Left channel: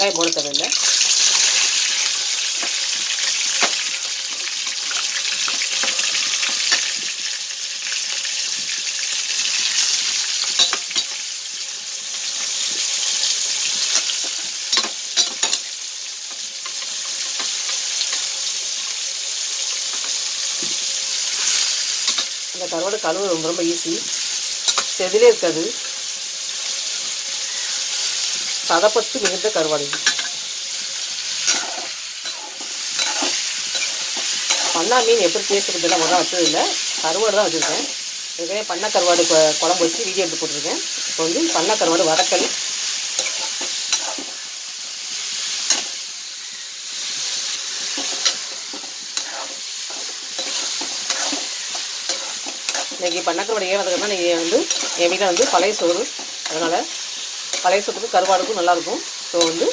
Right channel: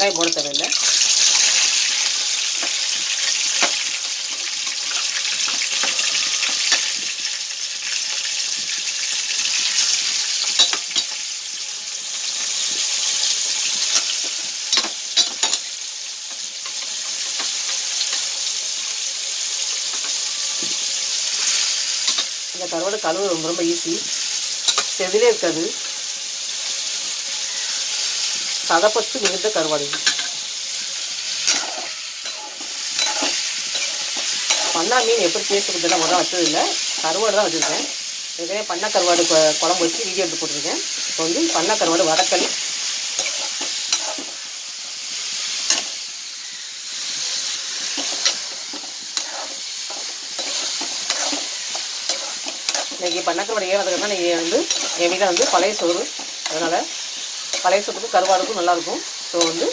வெங்காயம் போட தேவையில்லை. இந்த கருவாடு கழுவு ரொம்ப ரொம்ப ஈஸி, செதிலே இருக்காது, சதப்பட்டு மிகுந்த கருவாடு. பண்ணா மீன் எப்படி பேசுறதுலாம் முதல்ல வச்சதில்லை, கருவாடு தான் வச்சுருக்கேன். இதுவே பண்ணை கருவாடு குழம்பு வச்சு வீடியோ எடுத்து போட்டிருக்கேன். இப்போ வந்து பண்ணை கருவாடு வதக்கல். இன்றைக்கி பண்ணக்கருவாடு ஏன் வதக்கணும்னா, இன்றைக்கி வந்து எங்கள் வீட்டில் வந்து பழைய சோறு, அதனால் பழைய சோறுக்கும் கருவாடுக்கும் நல்லாயிருக்கும். ஸோ வந்து